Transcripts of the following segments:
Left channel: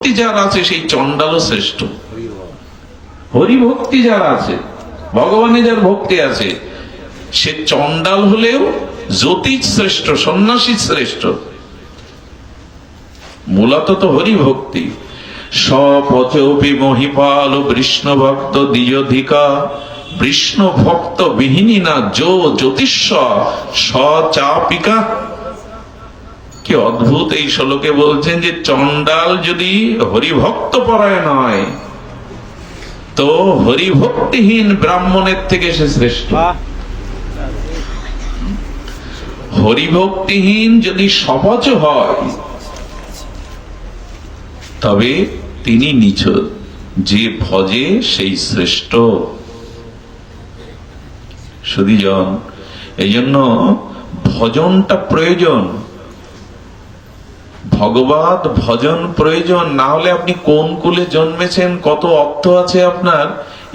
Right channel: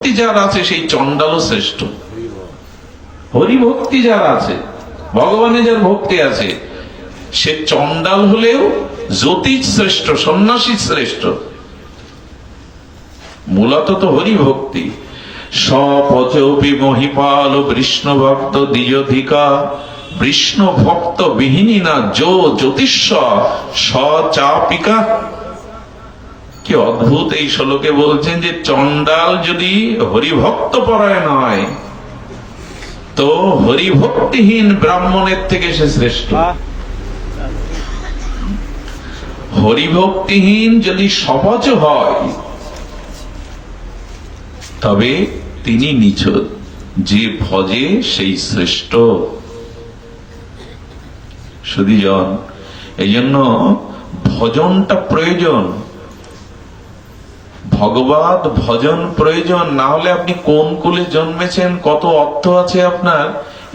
ভক্তি যার আছে সেই চণ্ডালও শ্রেষ্ঠ। হরিভক্তি যার আছে, ভগবানের যার ভক্তি আছে, সে চণ্ডাল হলেও জ্যোতিষ শ্রেষ্ঠ, সন্ন্যাসী শ্রেষ্ঠ। মূলত তো হরিভক্তি। সপচপি মহিপাল বিষ্ণু ভক্ত দ্বিজধিকা, বিষ্ণু ভক্ত বিহীনী না যো জ্যোতিষ্য সচাপিকা। কি অদ্ভুত এই শ্লোকে বলছেন যে চণ্ডাল যদি হরিভক্ত পরায়ণ হয় তো হরিভক্তিহীন ব্রাহ্মণের থেকে সে শ্রেষ্ঠ। হরিভক্তিহীন যদি সহজ হয় তবে তিনি নীচ, যে ভজে সেই শ্রেষ্ঠ। সুধীজন, এই জন্য ভজনটা প্রয়োজন, ভগবত ভজন প্রয়োজন। না হলে আপনি কোন কুলে জন্মেছেন, কত অর্থ আছে আপনার,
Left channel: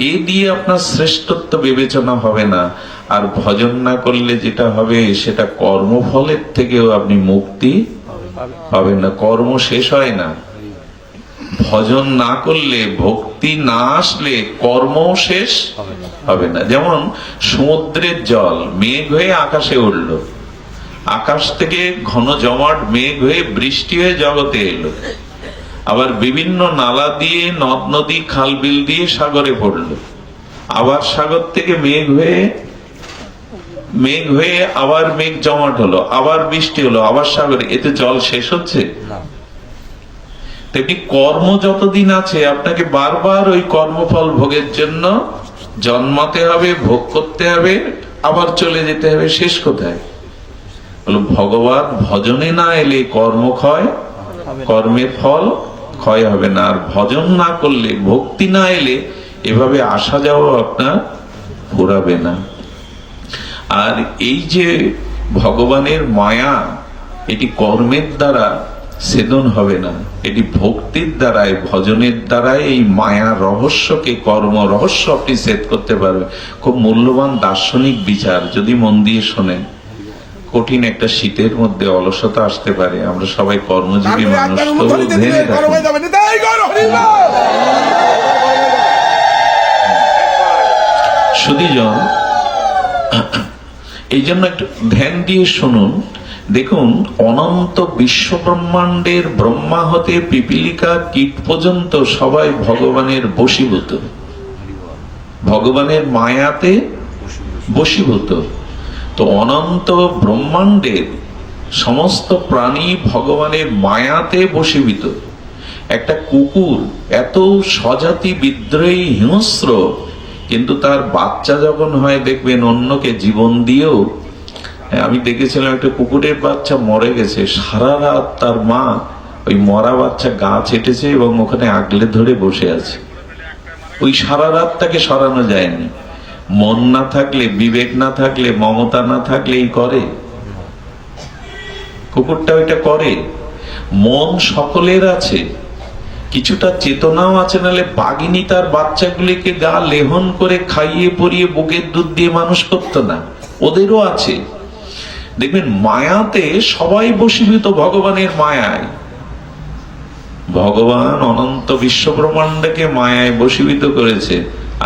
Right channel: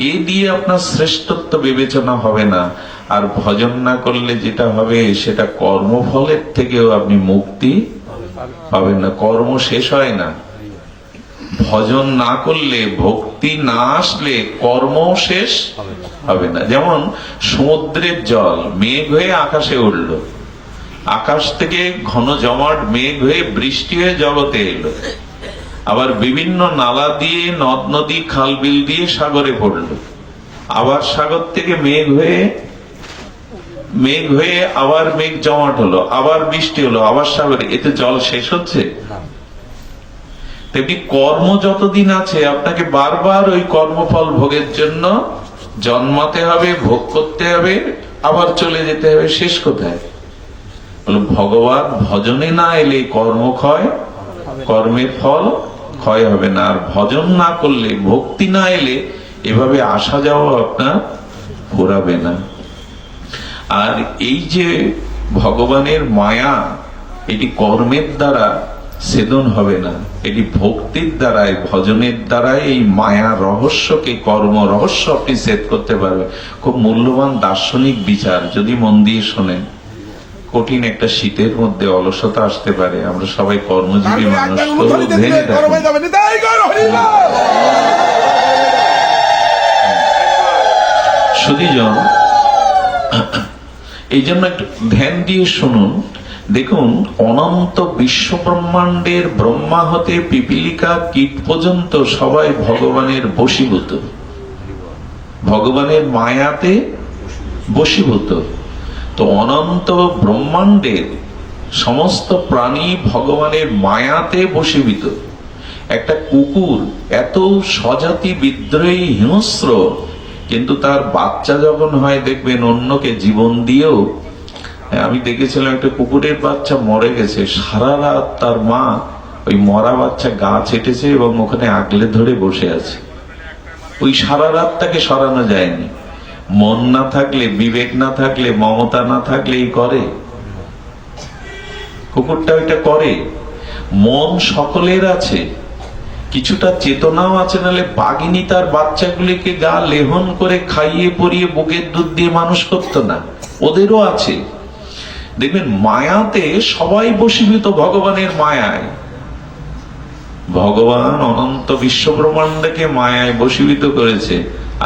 এই দিয়ে আপনার শ্রেষ্ঠত্ব বিবেচনা হবে না। আর ভজন না করলে যেটা হবে সেটা কর্মফলের থেকেও আপনি মুক্তি পাবেন না, কর্ম শেষ হয় না। ভজন না করলে, ভক্তি না আসলে কর্ম শেষ হবে না। যেমন সমুদ্রের জল মেঘ হয়ে আকাশে উঠল, আকাশ থেকে ঘন জমাট মেঘ হয়ে বৃষ্টি হয়ে জগতে এলো, আবার বিভিন্ন নালা দিয়ে, নদ নদী, খাল বিল দিয়ে সাগরে পড়ল, আবার সাগর থেকে মেঘ হয়ে আবার মেঘ জমাট হলো, আবার বৃষ্টি হলো, আবার সাগরে। এতে জল শেষ হচ্ছে? তেমনি কর্ম যতদিন আছে আপনাকে বারবার ওই কর্মফল ভোগের জন্য জন্মাতে হবে, ভোগ করতে হবে, আবার চলে যেতে হবে। শেষ কোথায়? ভগবান ভজনে না এলে কর্ম ক্ষয়, কর্মের ফল ক্ষয় হবে না। আর ভজন না করলে, ভক্তি না এলে এভাবে আসা যাওয়া আপনার ঘোরাবে না। আর এই যে ভগবানের মায়া, এটি কর্মের দ্বারা ছেদন হবে না, এটি ভক্তির দ্বারাই, ভজনের দ্বারাই এই মায়া রহস্যকে, কর্ম রহস্য আপনি ছেদ করতে পারবেন। খুব মূল্যবান দার্শনিক বিচার, যদি মন দিয়ে শোনেন। কঠিন একটা শীতের মধ্যে অলসতা আসতে পারে, আমরা সবাই কর্মজীবী মানুষ, তো ধ্যানে থাকি। সুধীজন, এই জন্য একটু ধ্যান দিয়ে শুনুন। দেখুন, অনন্ত বিশ্ব ব্রহ্মাণ্ডের ব্রহ্মা হতে পিপীলিকা কীট পর্যন্ত সবাই ভগবানের বশীভূত, ভগবানের মায়াতে বশীভূত। তো অনন্ত ব্রহ্মাণ্ডের সমস্ত প্রাণী ভগবানের মায়াতে বশীভূত। একটা কুকুর এত স্বজাতি বিদ্রোহী, হিংস্র, কিন্তু তার বাচ্চা যখন হয় দেখবেন অন্যকে জীবন দিয়েও। আমি দেখেছিলাম একটা কুকুরের বাচ্চা মরে গেছে, সারা রাত তার মা ওই মরা বাচ্চা গা ছেটেছে এবং ওখানে আগলে ধরে বসে আছে। ওই সারা রাত তাকে সরানো যায়নি। মন না থাকলে, বিবেক না থাকলে, মমতা না থাকলে এই করে। কুকুরটা ওইটা করে। মন সকলের আছে, কিছুটা চেতনাও আছে, নাহলে বাঘিনী তার বাচ্চাগুলিকে গা লেহন করে খাইয়ে পরিয়ে বুকের দুধ দিয়ে মানুষ করতো না। ওদেরও আছে। দেখবেন মায়াতে সবাই বশীভূত, ভগবানের মায়ায়। ভগবান অনন্ত বিশ্ব ব্রহ্মাণ্ডকে মায়ায় বশীভূত করেছে।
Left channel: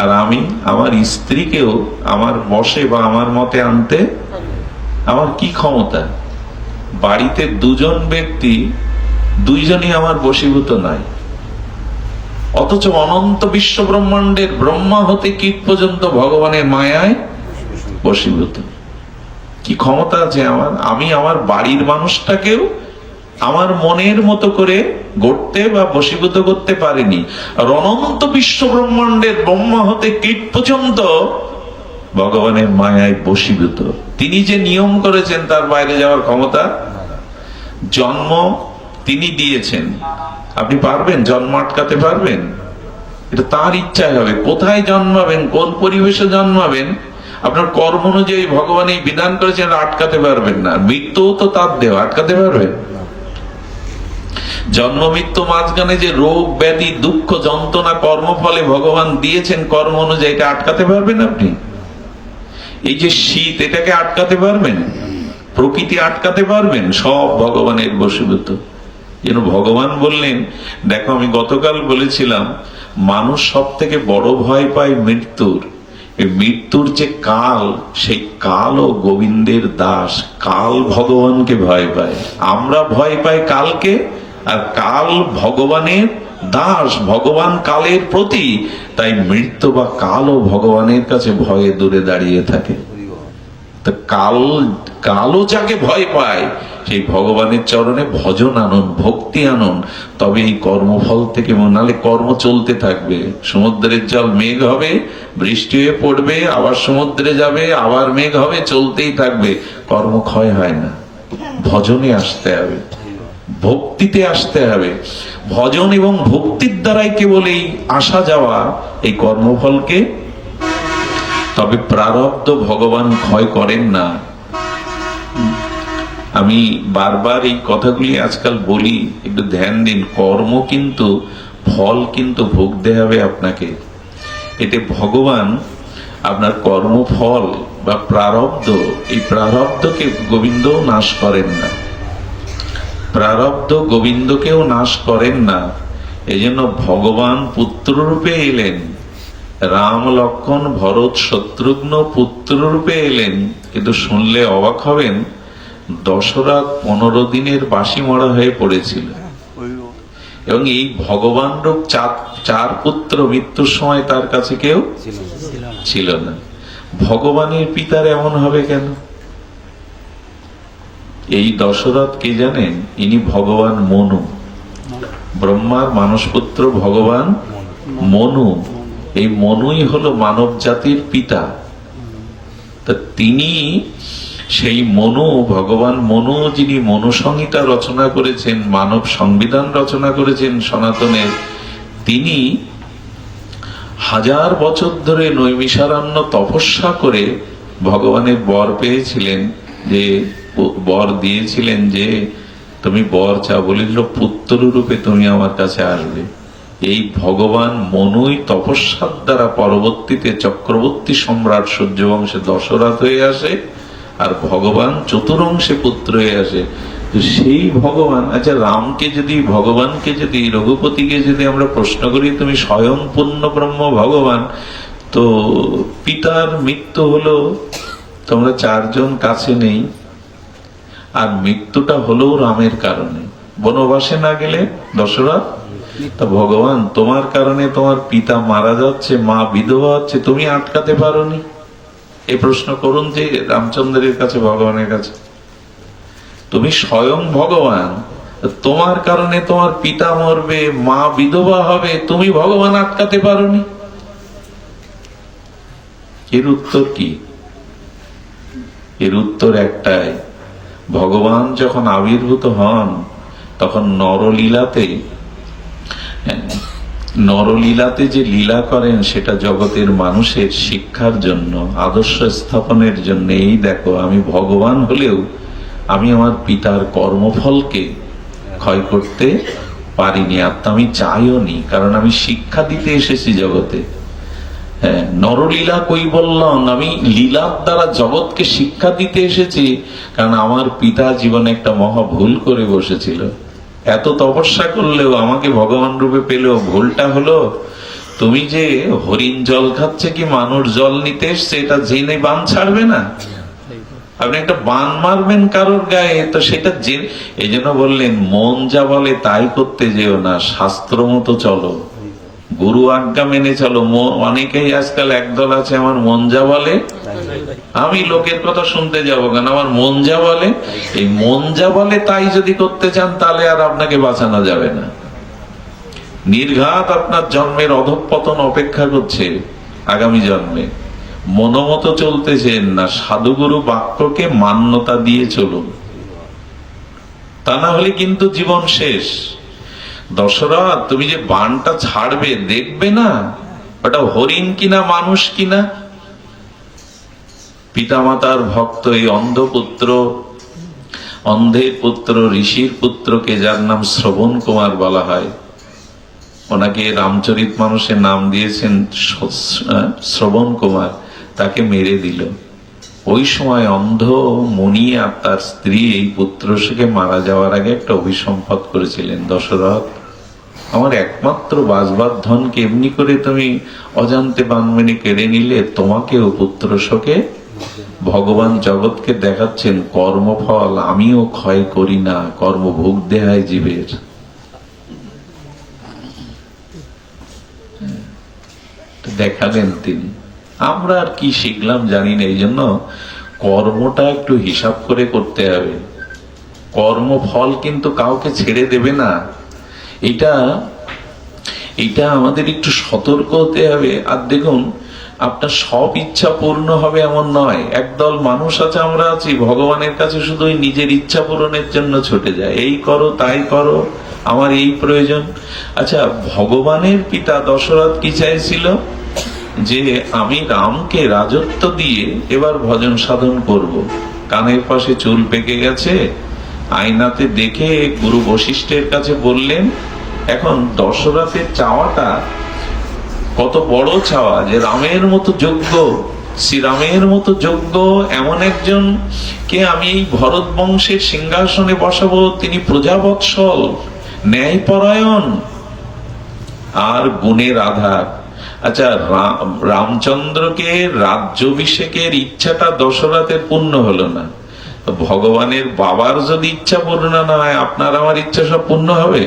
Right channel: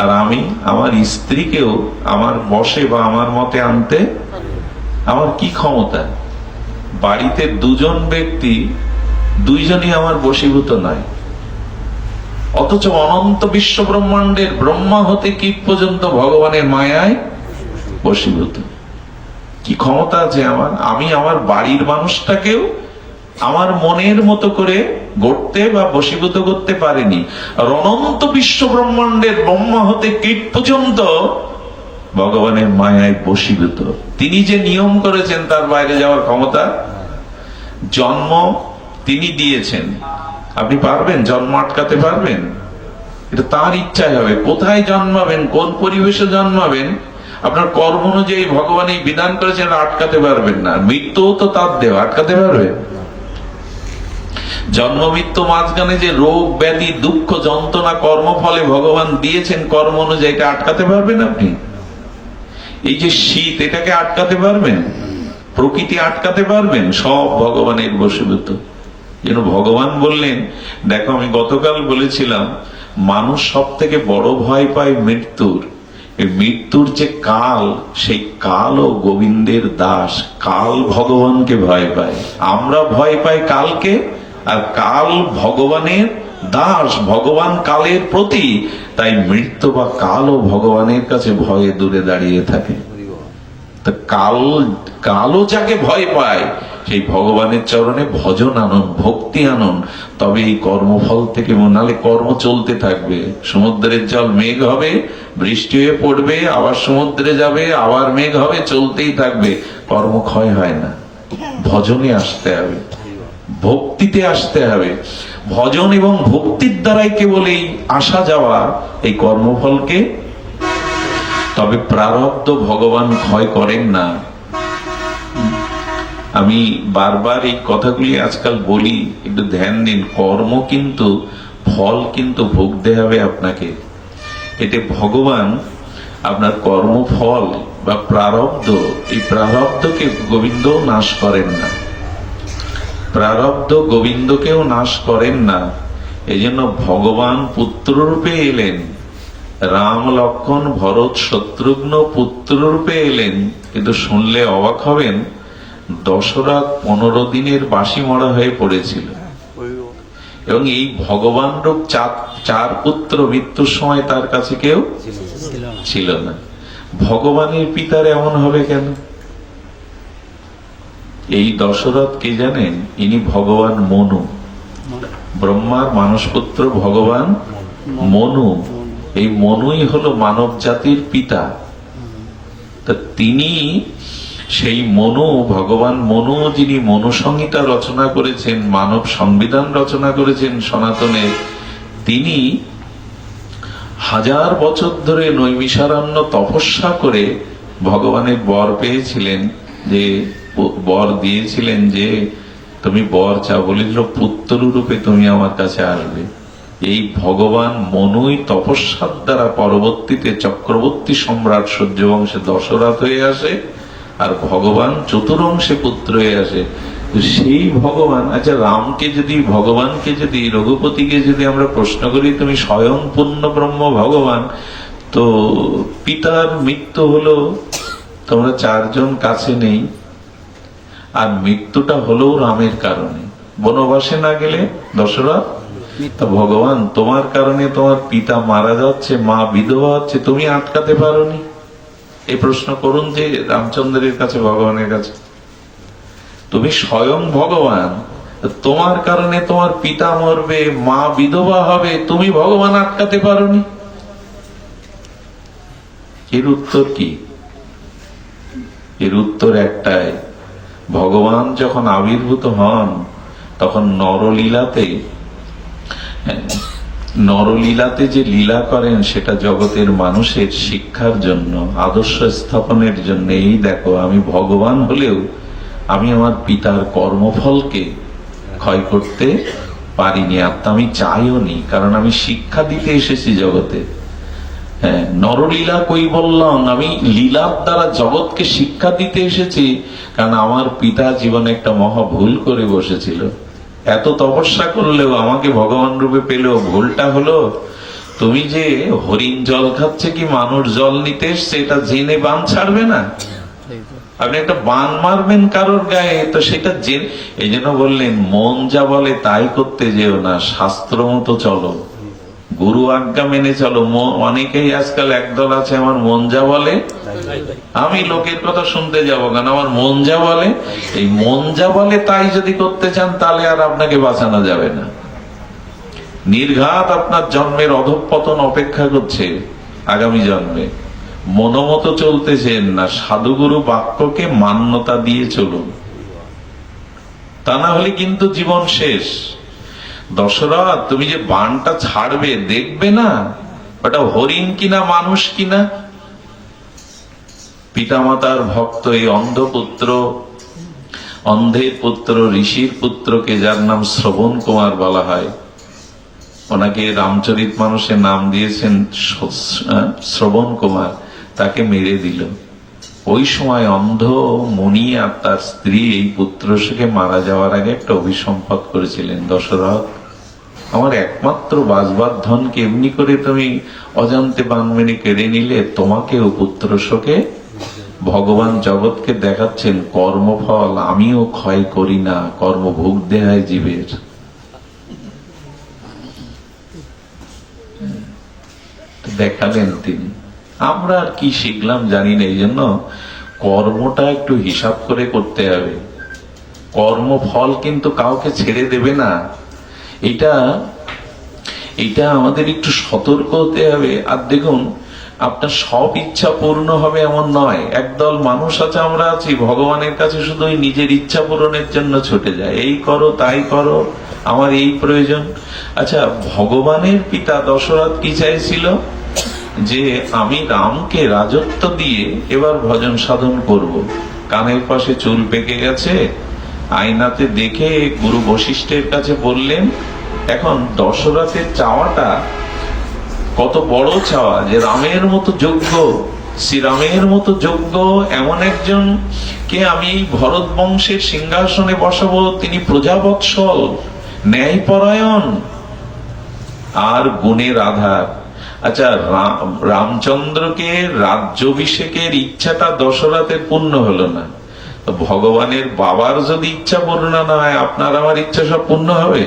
আর আমি আমার স্ত্রীকেও আমার বশে বা আমার মতে আনতে আমার কি ক্ষমতা? বাড়িতে দুজন ব্যক্তি, দুইজনই আমার বশীভূত নয়, অথচ অনন্ত বিশ্ব ব্রহ্মাণ্ডের ব্রহ্মা হতে কীট পর্যন্ত ভগবানের মায়ায় বশীভূত। কি ক্ষমতা আছে আমার? আমি আমার বাড়ির মানুষটাকেও আমার মনের মতো করে গড়তে বা বশীভূত করতে পারিনি। আর অনন্ত বিশ্ব ব্রহ্মাণ্ডের ব্রহ্মা হতে কীট পর্যন্ত ভগবানের মায়ায় বশীভূত। তিনি যে নিয়ম করেছেন তার বাইরে যাওয়ার ক্ষমতা। জন্ম তিনি দিয়েছেন, আপনি পারবেন জন্ম আটকাতে পারবেন? এটা তার ইচ্ছায় হবে। কোথায় জন্মাবেন, কোন পরিবেশে জন্মাবেন, আপনার কর্ম অনুযায়ী ভগবান এই বিধান করেছেন, আটকাতে পারবেন না। মৃত্যুও তো তার দেওয়া, আটকাতে পারবে? জন্ম মৃত্যু মাঝখানে যে রোগ ব্যাধি দুঃখ যন্ত্রণা কর্মফলে ভগবান দিয়েছেন কর্ম অনুযায়ী, এটা আটকাতে পারবেন আপনি? এই যে শীত, এটাকে আটকাতে পারবেন? প্রকৃতি আটকাতে পারবেন? সব ভগবানের বশীভূত। যেন ভগবান বললেন, দেখো আমি গতকাল বলেছিলাম মানুষ সব থেকে বড় ভয় পায় মৃত্যুর। এই মৃত্যুর যে কাল, সেই কাল ও গোবিন্দের দাস, কাল ভগবানকে ভয় পায়। আমরা ভয় পাই কালকে, আর কাল ভগবানের দাস, ভগবান কালের প্রতি। তাই মৃত্যু বা কালও ভগবানের কাছে ভয়ে দূরে দাঁড়িয়ে থাকে। তো কালও যাকে ভয় পায়, সেই ভগবানের চরণে ভজন আনুন, ভক্তি আনুন, তবে এই কর্মফল থেকে, নাহলে কর্ম চলতে থাকবে। সমুদ্রের জল মেঘ হবে, বৃষ্টি হয়ে পড়বে, আবার সমুদ্রে যাবে, আবার মেঘ হবে, চলতেই থাকবে, কর্মক্ষয় হয় না। ভজনে আসতে হবে, ভক্তিতে আসতে হবে। ভজন এবং ভক্তির দ্বারাই কেবল এই আসা যাওয়া, এই কর্মফলকে। তবে প্রারব্ধ ভগবান ক্ষয় করেন না। আমি বারবার এই কথাগুলি আজকাল বলি, একটু ধ্যান দিন। কর্ম কিন্তু, ফল কিন্তু ভুগতে হবে আপনাকে। এতে ভগবান আপনার কর্মফল বা প্রারব্ধ, এই প্রারব্ধকে গোবিন্দও নাশ করেন না। প্রারব্ধ গোবিন্দকেও নাশ করেন না। এই জন্য ভগবান পুত্ররূপে এলেন, রাম লক্ষ্মণ ভরত শত্রুঘ্ন পুত্ররূপে এলেন। কিন্তু শুনলে অবাক হবেন, দশরথ 15 দিনের বাসি মরা হয়ে পড়েছিল। এবং এই ভগবান রূপ চার পুত্র মৃত্যুর সময় তার কাছে কেউ ছিল না। ভগবানের পিতার এমন হবে কেন? এই দশরথ কে জানেন? ইনি ভগবান মনু, ব্রহ্মার মানসপুত্র ভগবান মনু। এই মনুই হলো মানব জাতির পিতা। তা তিনি সেই মনু, ভগবান মনু, যিনি মনু সংহিতা রচনা করেছেন, মানব সংবিধান রচনা করেছেন সনাতনের, তিনি 1000 বছর ধরে নৈমিষারণ্য তপস্যা করে ভগবানের বর পেয়েছিলেন, যে বর দিয়েছিলেন যে তুমি বর চাও, বলিল পুত্র রূপে তুমি আমার কাছে আসবে। এই ভগবান মনুই তপস্যার দ্বারা পরবর্তীতে চক্রবর্তী সম্রাট সূর্যবংশে দশরথ হয়ে আসে, আর ভগবান চতুরংশে পুত্র হয়ে আসে। তো সেই ভগবান, আচ্ছা রামকে যদি, ভগবানকে যদি, রঘুপতিকে যদি আমরা প্রশ্ন করি, তুমি স্বয়ং পূর্ণ ব্রহ্ম ভগবান, তো পিতার মৃত্যু হলো, তোমরা 4 জন কাছে নেই, আর মৃত্যুটা হলেও রামের কারণে। বনবাসে না গেলে দশরথ, তো ভগবান তোমার কারণে তোমার পিতা মারা যাচ্ছে, মা বিধবা হচ্ছে, তুমি আটকাতে পারোনি? এই প্রশ্ন করুন যে রামচন্দ্রের কাছে, ভগবানের কাছে। তুমি স্বয়ং ভগবান, তোমার কারণে তোমার পিতা মরবে, মা বিধবা হবে, তুমি ভগবান আটকাতে পারোনি? এর উত্তর কি? এর উত্তর একটাই, ভগবান যখন আবির্ভূত হন তখন নরলীলাতে যে লীলা করেন, সেটা জগতের মানুষের শিক্ষার জন্য, আদর্শ স্থাপনের জন্য। এই দেখো, আমি ভগবান হলেও আমি আমার পিতার কর্মফলকে ক্ষয় করতে পারিনি, আর আমি চাইও নি, কারণ আমি শিক্ষা দিতে এসেছি জগতে। হ্যাঁ, নরলীলা কই বললাম, আমি লীলার দ্বারা জগৎকে শিক্ষা দিতে এসেছি, কারণ আমার পিতা জীবনে একটা মহা ভুল করে বসেছিল। এত তপস্যা করলেও, আমাকে ভগবান রূপে পেলেও ভুলটা হলো, তুমি যে হরিণ জল খাচ্ছে কি মানুষ জল নিতে এসছে, এটা জেনে বান ছাড়বে না? আপনি একটা বান মারবেন কারোর গায়ে, তো সেটা জেনে, এই জন্য বললেন মন যা বলে তাই করতে যেও না, শাস্ত্র মতো চলো, গুরু আজ্ঞা মেনে চলো। অনেকেই আজকাল একদল আছে, আমার মন যা বলে, আমি লোকের কথা শুনতে যাব কেন, আমার মন যা বলে। এই মন যা বলে তাই যদি করতে চান, তাহলে আর আপনাকে বাঁচানো যাবে না। নির্ঘাত আপনার জন্মের অধঃপতন অপেক্ষা করছে আগামী জন্মে। মনোমতো চলতেছেন না, সাধুগুরু বাক্যকে মান্যতা দিয়ে চলুন, তা না হলে কিন্তু জীবন শেষ। দশরথ, তুমি যে বানটা ছাড়বে, দেখবে না ওটা হরিণ কিনা মানুষ কিনা। পিতামাতার ভক্ত এই অন্ধের পুত্র, ঋষির পুত্রকে, যার নাম শ্রবণ কুমার বলা হয়, ওনাকে রামচরিত মানুষের নাম দিয়েছেন শ্রবণ কুমার, তাকে মেরে দিল। ওই সময় অন্ধ মুনি আর তার স্ত্রী এই পুত্রকে মারা যাওয়ার আগে একটা অভিসম্পাদ করেছিলেন, দশরথ আমার একমাত্র বাসবার ধনকে এমনি করে তুমি অজান্তে বানমেনে কেড়ে নিলে, তোমাকেও পুত্রশোকে ভগবান জগৎকে দেখাচ্ছেন কর্মফল আমিও ক্ষয় করি না, কর্মভোগ দেহায় জীবের। দেখালেন তিনি। আমরা আর কি শিখলাম জানি না, এই জন্য কর্মটা একটু হিসাব করে করতে হবে। কর্মফল কিন্তু কাউকে ছেড়ে দেবে না, এটা আমাদের একটু সতর্ক হতে হবে। আর দেখুন, আপনার সব ইচ্ছা পূর্ণ হবে এমন নয়। একদল মানুষ আছে, আমরা আছি, ভগবানের কাছে শুধু নিজের ইচ্ছা পূরণের জন্য ছুটে যায়, এই করো তাই করো, আমার এই প্রয়োজন। আচ্ছা, ভগবানের পিতা দশরথ কি চাইছিল? যে আমি রামকে রাজত্ব দিয়ে এবার ভজন সাধন করব। কানের পাশে চুল পেকে গেছে, আয়নাতে দেখে গুরু বশিষ্ঠের কাছে বললেন। এখন দশরথের চাওয়াটা কত বড় চাওয়া, যে রামের মতো যোগ্য, শ্রীরামের মতো যোগ্য এমন একজন কে আমি এই ভরত বংশের সিংহাসনে বসাবো, তিনি প্রজাবৎসল, ন্যায়পরায়ণ আর গুণের আধার। আচ্ছা, রামচন্দ্রকে রাজ্যাভিষেকের ইচ্ছাটা দশরথের পূর্ণ হলো না, ভগবানের বাবার যদি ইচ্ছা পূর্ণ না হয়, আপনার আমার ইচ্ছা সব পূর্ণ হবে?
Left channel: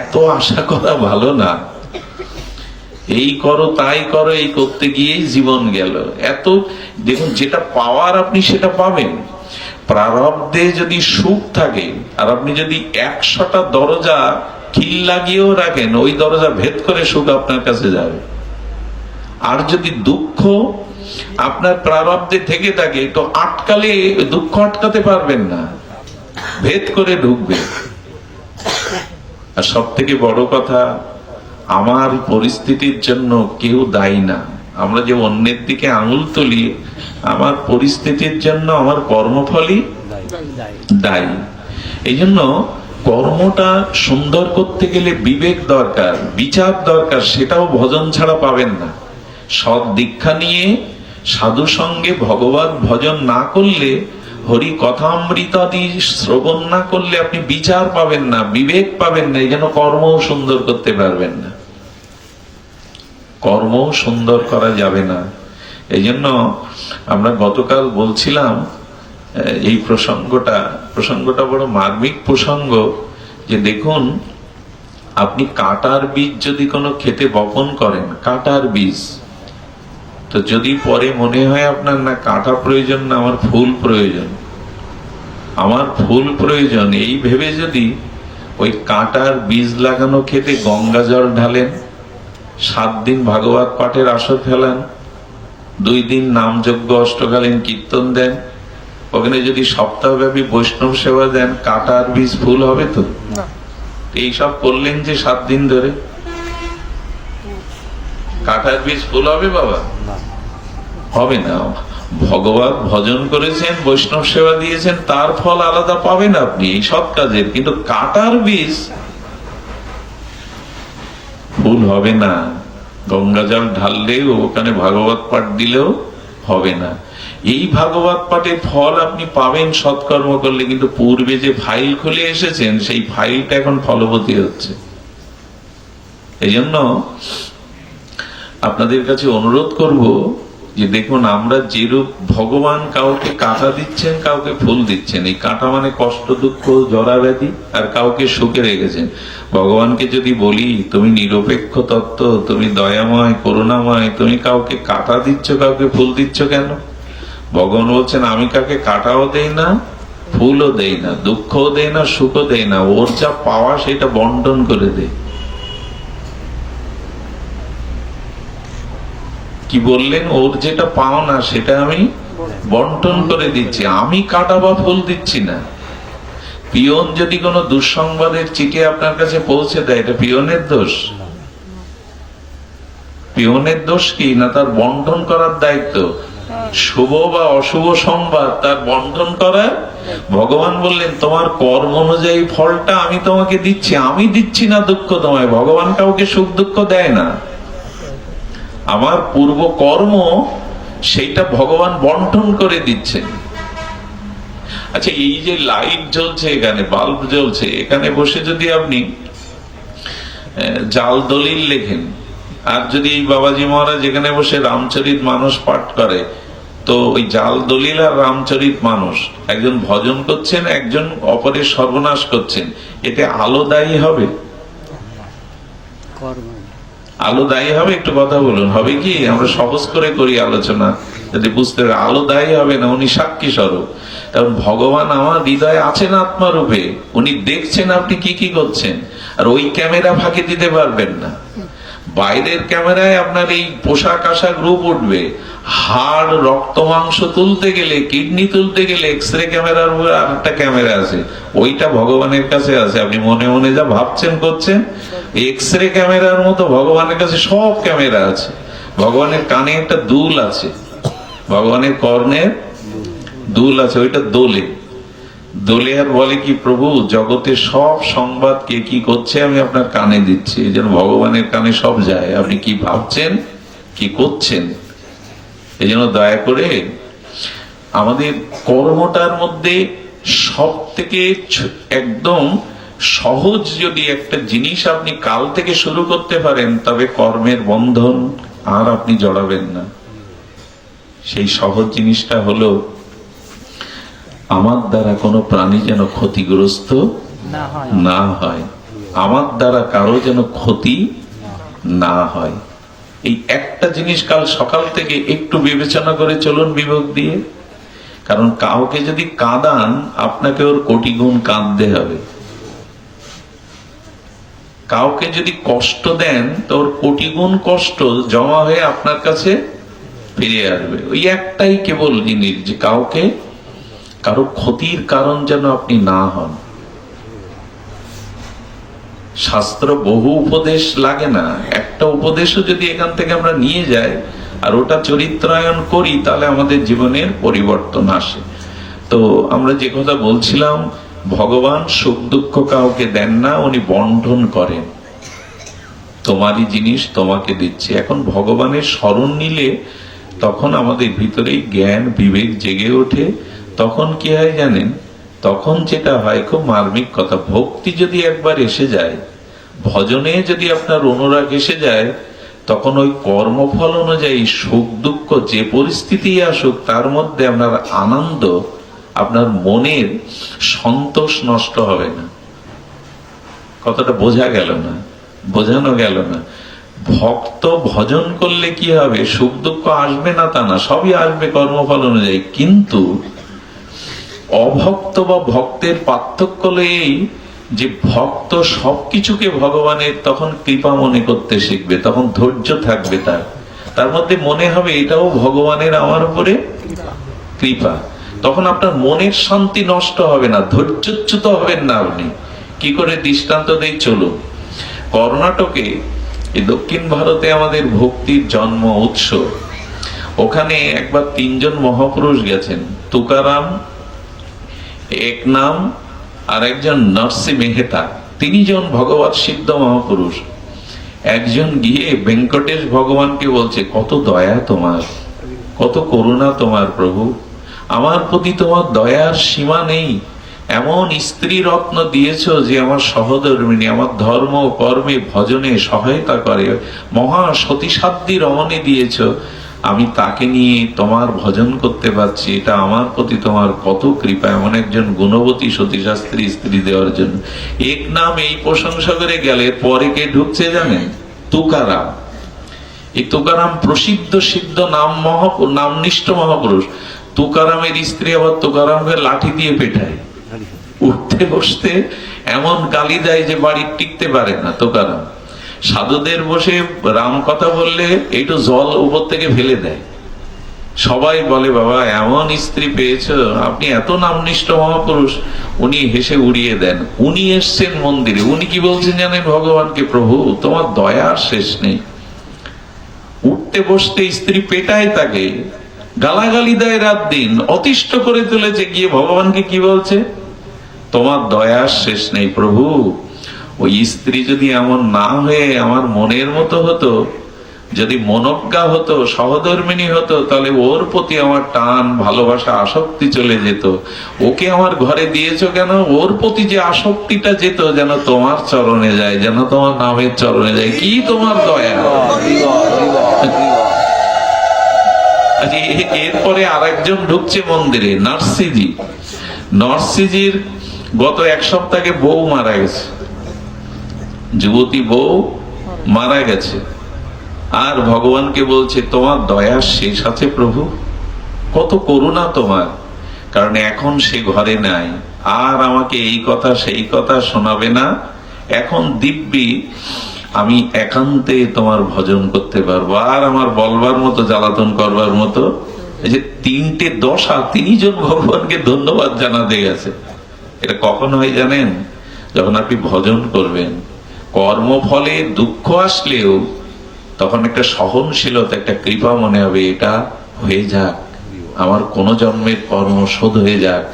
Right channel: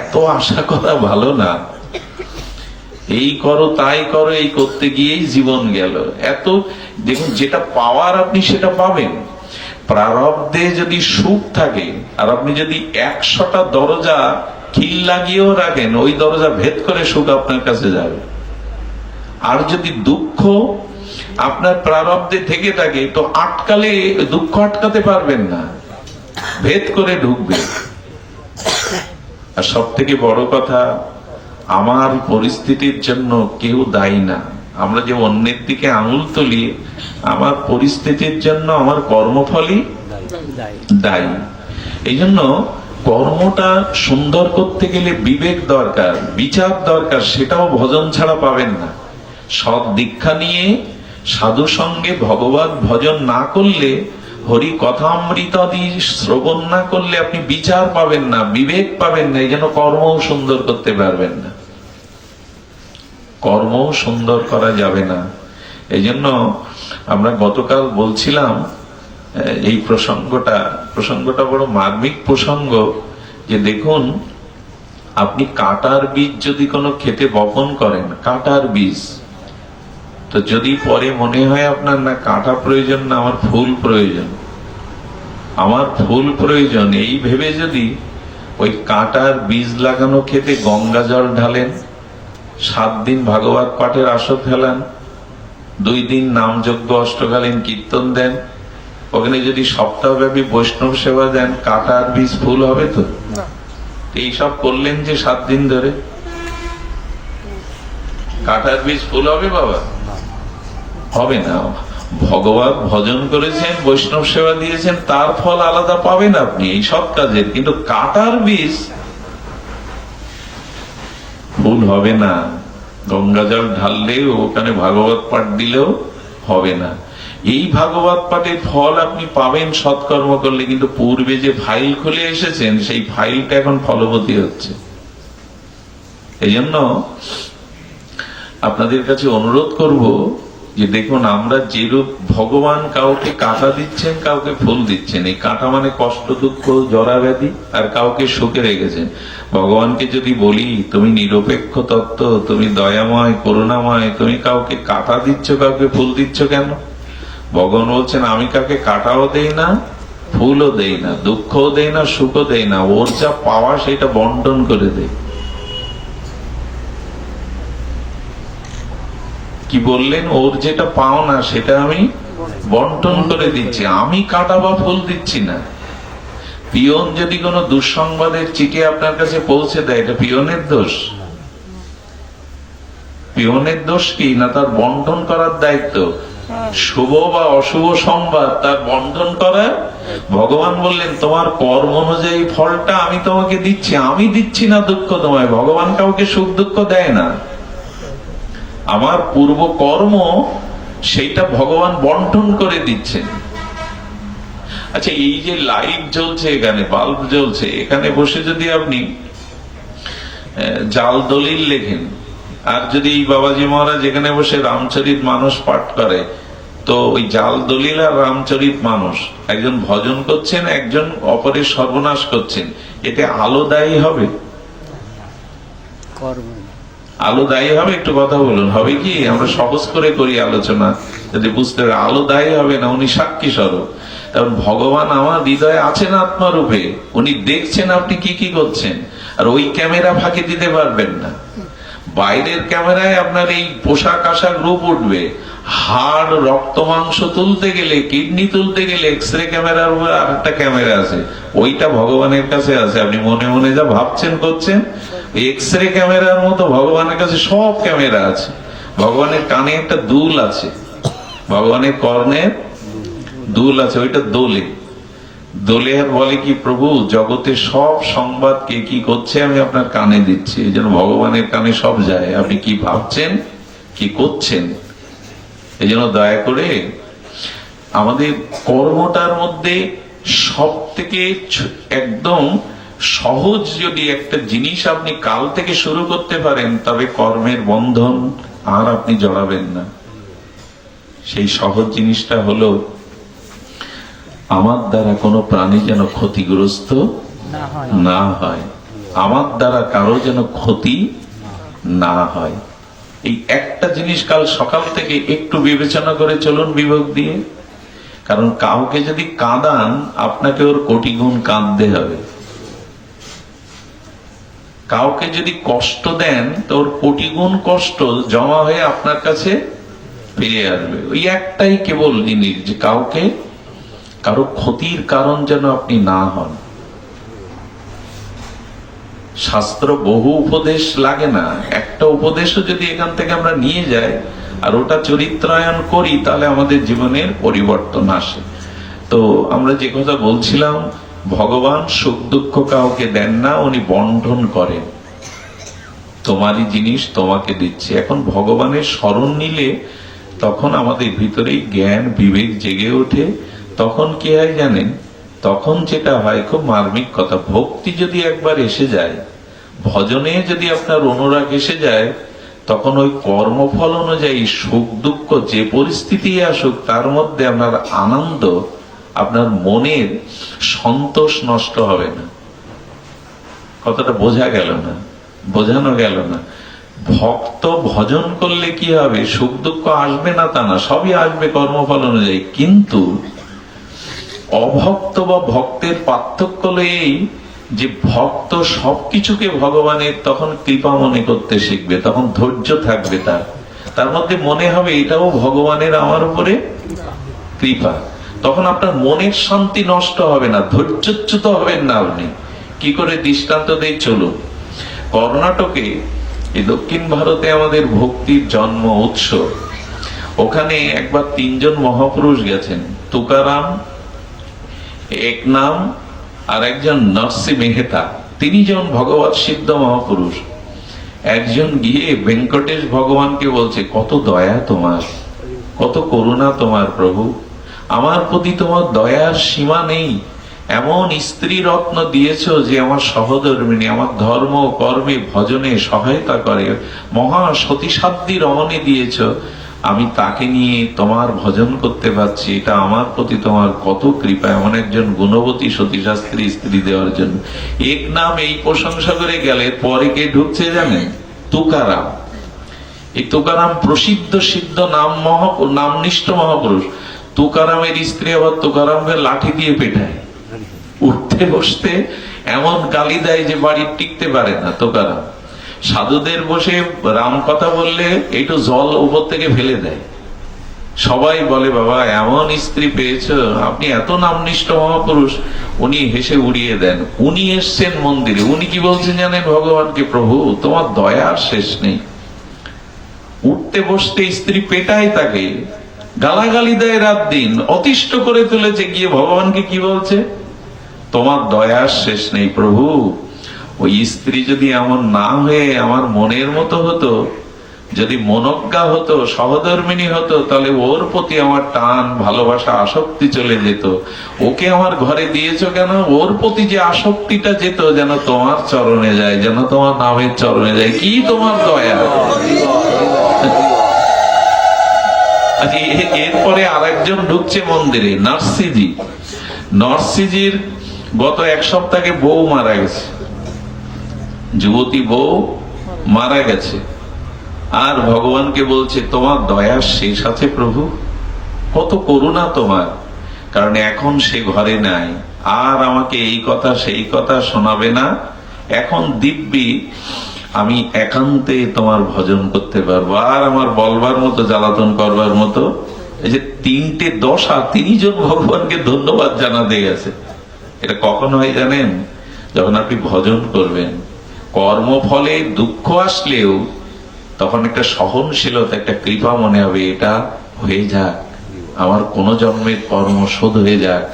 এত আশা করা ভালো না। এই করো তাই করো, এই করতে গিয়েই জীবন গেল। এত দেখুন, যেটা পাওয়ার আপনি সেটা পাবেন। প্রারব্ধে যদি সুখ থাকে আর আপনি যদি 100টা দরজা খিল লাগিয়েও রাখেন, ওই দরজা ভেদ করে সুখ আপনার কাছে যাবে। আর যদি দুঃখ আপনার প্রারব্ধে থেকে থাকে, তো আটকালে দুঃখ আটকাতে পারবেন না, ভেদ করে ঢুকবে। আর সব থেকে বড় কথা, আমার পরিস্থিতির জন্য কেউ দায়ী না। আমরা যে অন্যের দিকে আঙুল তুলি, আমার পরিস্থিতির জন্য আমার কর্মফলই দায়ী। এই জন্য কর্মটা সুন্দর করতে গেলে বিবেক দরকার, বিচার দরকার, সেটাও ভজন ছাড়া পাবেন না। সব দীক্ষা নিয়ে সাধু সঙ্গে ভগবত ভজন না করলে, হরি কথামৃতাদি শ্রবণ না করলে আপনি বিচার পাবেন না, বিবেক পাবেন না। এই জন্য কর্মও সুন্দর করতে পারবেন না, কর্মও সুন্দর করা যাবে না। এই জন্য আমরা গতকাল বলছিলাম, এই প্রসঙ্গটা বড় মার্মিক প্রসঙ্গ, যে দেখুন, আপনি কাঁটার বীজ যদি কোনো খেতে বপন করেন, কাঁটার বীজ, তো যদি পরে মনে হয় আপনার না কাঁটা প্রয়োজন, না আমার ফুল প্রয়োজন, আমার ফুল প্রয়োজন, এই ভেবে যদি ওই কাঁটার বীজ লাগানো খেতে গঙ্গা জল ঢালেন, 7 দিন ভাগবত পাঠের আসর ফেলান, 2 দিন নামযজ্ঞ অষ্টকালীন কীর্তন দেন, ওখানে যদি সপ্তাহব্যাপী বৈষ্ণব সেবা দেন, কাঁটার বীজ ফুল হবে তো? এইসব করলেন যে 7 দিন ধরে, কাঁটার বীজ ফুল হবে বাবা? হবে না। ভগবান ভজন করেছেন, বৈষ্ণব সেবা দিয়েছেন, তার ফল আলাদা পাবেন আপনি এই সব কাজের, কিন্তু কাঁটার বীজ ফুল হবে না। গঙ্গা জল ঢাললেও, ওখানে ভাগবত পাঠ দিলেও হবে না। এই ভাগবত পাঠের ফল আপনি পাবেন সৎকর্ম করলে, কিন্তু পূর্বে যে ফাইল খুলে এসেছেন, সেই ফাইলটা এখন ফলবতী হচ্ছে। এই জন্য আপনাদের কাছে অনুরোধ করব যে দেখুন, আমরা যেরূপ ভগবান কাউকে কাঁটা দিচ্ছেন, কাউকে ফুল দিচ্ছেন। এই কাঁটা মানে কষ্ট, দুঃখ, জরা ব্যাধি, আর কাউকে সুখে রেখেছেন। ভগবানকে যদি বলি তুমি নিরপেক্ষ তত্ত্ব, তুমি দয়াময় করুণাময়, তুমি কাউকে কাঁটা দিচ্ছ, কাউকে ফুল দিচ্ছ কেন? ভগবান বলছেন আমি কাউকে কাঁটাও দেই না, ফুলও দেই না, দুঃখও দেই না, সুখও দেই না, ওর যা পাওয়া সেটা বন্টন করে দেই। কি বললেন? ওর যেটা পাও না সেটা আমি বন্টন করে দিচ্ছি, আমি কাঁটা বা ফুল দিচ্ছি না। পিয়ন যদি কোনো দুঃসংবাদের চিঠি আপনার কাছে পৌঁছে দেয়, এটা পিয়নের দোষ? পিয়নের দোষ কি না, তার বন্টন করার দায়িত্ব। শুভ বা অশুভ সংবাদ তার বন্টন করার। ভগবান বললেন তোমার কর্ম অনুযায়ী ফলটা আমি তোমাকে দিচ্ছি, আমি দিচ্ছি না দুঃখ তোমায়। ভগবান কাউকে সুখ দুঃখ দেয় না। আমার পূর্ব কর্ম সেইটা ভগবান বন্টন করে দিচ্ছেন। আচ্ছা, এই যে লাইট জ্বলছে, এখানে বাল্ব জ্বলছে, এখানে বসে যদি আপনি জাল দলিল লেখেন, আর যদি এই বাবাজি মহারাজ এখানে বসে রামচরিত মানস পাঠ করে, তো ওই জাল দলিল আর রামচরিত মানস, একজন ভজন করছেন, একজন অপরের সর্বনাশ করছেন, এতে আলো দায়ী হবে? আলো দায়ী হবে? একটু কথা বলুন, হবে কি? আমরা সহজ করে করি আলোচনা, যদি বুঝতে পারে আলো দায়ী হবে না, উনি সাক্ষী স্বরূপ। কারণ ভগবান আমার হৃদয়ে আছেন আত্মারূপে, উনি দেখছেন আপনি কি কি করছেন, আর ওই ক্যামেরা ফাঁকি দিতে পারবেন না। বাইরের ক্যামেরায় আপনার এই পোশাক আশাক রূপ উঠবে, হাড় রক্ত মাংস তুলতে গেলে, কিডনি তুলতে গেলে এক্সরে ক্যামেরার উপর আর একটা ক্যামেরা আছে, ওইটা ভগবানের কাছে আছে। আপনি মনে মনে যা ভাবছেন করছেন, এক্সরে ক্যামেরার মতো ভগবানের কাছে সব ক্যামেরা আছে। ভগবানের কানে একটা দুল আছে, ভগবানের কর্ণের দুল আছে, ওইটা দোলে দোলে আর বলে কি, প্রভু জগতের সব সংবাদ কে কি করছে আমি আপনার কানে দিচ্ছি। এই জন্য ভগবানের কানে সব যায়, আপনি কি ভাবছেন কি করছেন। এই জন্য দয়া করে আমাদের কর্মটার মধ্যে সব থেকে একদম সহজ যদি একটা জিনিস আপনি কাল থেকে শুরু করতে পারেন, তবে কর্মের বন্ধন আর আপনি জড়াবেন না। সেই সহজ জিনিসটা হলো, আমার দ্বারা কোনো প্রাণী যেন ক্ষতিগ্রস্ত না হয়, আমার দ্বারা কারো যেন ক্ষতি না হয়। এই একটা জিনিস কাল সকাল থেকে একটু বিবেচনা করে চলুন বিবেক দিয়ে। কারণ কাউকে যদি কাঁদান, আপনাকে ওর কোটি গুণ কাঁদতে হবে। কাউকে যদি কষ্ট দেন, তো ওর কোটি গুণ কষ্ট জমা হয়ে আপনার কাছে ফিরে আসবে। ওই একটাই কেবল জিনিস, যে কাউকে কারো ক্ষতির কারণ যেন আপনি না হন। শাস্ত্র বহু উপদেশ লাগে না, একটা উপদেশও যদি এখান থেকে আমরা নিয়ে যাই আর ওটা চরিত্রায়ন করি, তাহলে আমাদের জীবনের পরিবর্তন আসে। তো আমরা যে কথা বলছিলাম, ভগবান সুখ দুঃখ কাউকে দেন না, উনি বন্টন করেন। তোমারই জিনিস তোমাকে দিচ্ছে। এখন ভগবানের স্মরণ নিলে তখন আমাদের ভিতরে জ্ঞান বিবেক জেগে ওঠে। তখন কি হয় জানেন, তখন যেটা হয়, খুব মার্মিক কথা, ভক্তি যদি একবার এসে যায়, ভজনে যদি আপনার অনুরাগ এসে যায়, তখন ওই কর্মফল অনুযায়ী সুখ দুঃখ যে পরিস্থিতি আসুক, তার মধ্যে আপনার আনন্দ, আপনার মনের সন্তোষ নষ্ট হবে না। কথাটা বোঝা গেল না? বোঝানো গেল না? ভক্ত ভজন করলে কি হবে, সুখ দুঃখ আসবে না তা না, সবই আসবে কর্মফল অনুযায়ী। কিন্তু অভক্ত বা ভক্তের পার্থক্য হলো এই, যে ভক্ত সবকিছুকে ভগবানের তখন কৃপা মনে করতে শিখবে, তখন ধৈর্য থাকবে তার মধ্যে মনে হবে এটাও ভগবানের আমার উপরে কৃপা। তখন আপনার মনের শান্তি নষ্ট হবে না, ধৈর্যচ্যুত হবেন না আপনি। কি করে দৃষ্টান্ত দেই চলুন। কর্ণাটকে, এই দক্ষিণ ভারতে আমাদের ভক্তির জন্ম উৎস, ওখানে একবার তিনজন মহাপুরুষ গেছেন, তুকারাম, একনাম আর একজন নরসি মেহতা, তিনজন ভগবৎ সিদ্ধ মহাপুরুষ। একজন গিয়ে ভেঙ্কটেশ ভগবানকে বলছে, কত দয়া তোমার, কত করুণা তোমার প্রভু, আমার প্রতি তোমার দয়ার সীমা নেই। এমন স্ত্রী রত্ন দিয়েছ যে আমার সহধর্মিনী, আমার ধর্ম কর্মে ভজনে সহায়তা করে, মহা সতীসাধ্যী রমণী দিয়েছ, আমি তাকে নিয়ে তোমার ভজন করতে পারছি, এটা আমার প্রতি তোমার কত কৃপা, এমন একজন গুণবতী সতীশাস্ত্রী স্ত্রী দেওয়ার জন্য। এক নাম এই প্রশংসা করে গেলে, পরে কে ঢুকছে জানেন? তুকারাম। এই তুকারাম প্রসিদ্ধ সিদ্ধ নামনিষ্ঠ মহাপুরুষ। তুকারামের স্ত্রী আবার তুকারামের লাঠি দিয়ে পেটায়, উঠতে বসতে এমন গালি দেয় যে বাড়ি টিকতে পারে না তুকারাম। সাধুদের বসে রাম কথা বললে একটু জল উপর থেকে ফেলে দেয়। সবাই বলে, বাবা এমন স্ত্রী পেয়েছ, আপনি এত নামনিষ্ঠ মহাপুরুষ। উনি হেসে উড়িয়ে দেন। উনি এসছেন মন্দিরে, উনি কি বলছেন জানেন ভগবানকে, প্রভু তোমার দয়ার শেষ নেই। উঠতে বসতে স্ত্রী পেটায় তাকে, গালাগালি দেয়, রাত দিন অতিষ্ঠ করে তুলেছে। গিয়ে ভগবানকে কি বলছে, তোমার দয়ার শেষ নেই প্রভু। ওই স্ত্রী যদি এমন না হয়ে আমার মনের মতো হতো, যদি মনোজ্ঞা হতো, সহধর্মিনী হতো, তাহলে ওর প্রতি আমার টান, ভালোবাসা, আসক্তি চলে যেত। ওকে আমার ঘরে দিয়েছো কেন? ওর প্রতি যে আসক্তিটা যেত যেন তোমার চরণে যায়, যেন তোমার নামের চরণে যায়। কি তোমার দয়া! এরপরে আরেকজন ঢুকছে মন্দিরে, নার্সিজি। নার্সিজির গত এক সপ্তাহে বউ মারা গেছে, যুবতী বউ মারা গেছে। আর ভগবানকে বলছে, তোমার দয়ার শেষ আছে প্রভু, কত করুণা তোমার। কারণ এখন সে ঘরে নাই, আর আমাকে এই কথা সেই কথা শোনাবে না। এখন দিব্যি আমি একান্তে তোমার ভজন করতে পারবো, আর আমার বলবার মতো, জ্বালাতন করবার মতো। এই যে 3টে দশা, 3 জন ভগবানকে ধন্যবাদ জানাতে গেছে। এটা কখন হয় জানেন? যখন আপনি ভজন করবেন। কর্মফলে দুঃখ আসলেও তখন একটা সহনশীলতা, একটা কৃপা মনে হবে, এটা হয়ে যাক, আমার কোন জন্মের কর্ম শোধ হয়ে যাক,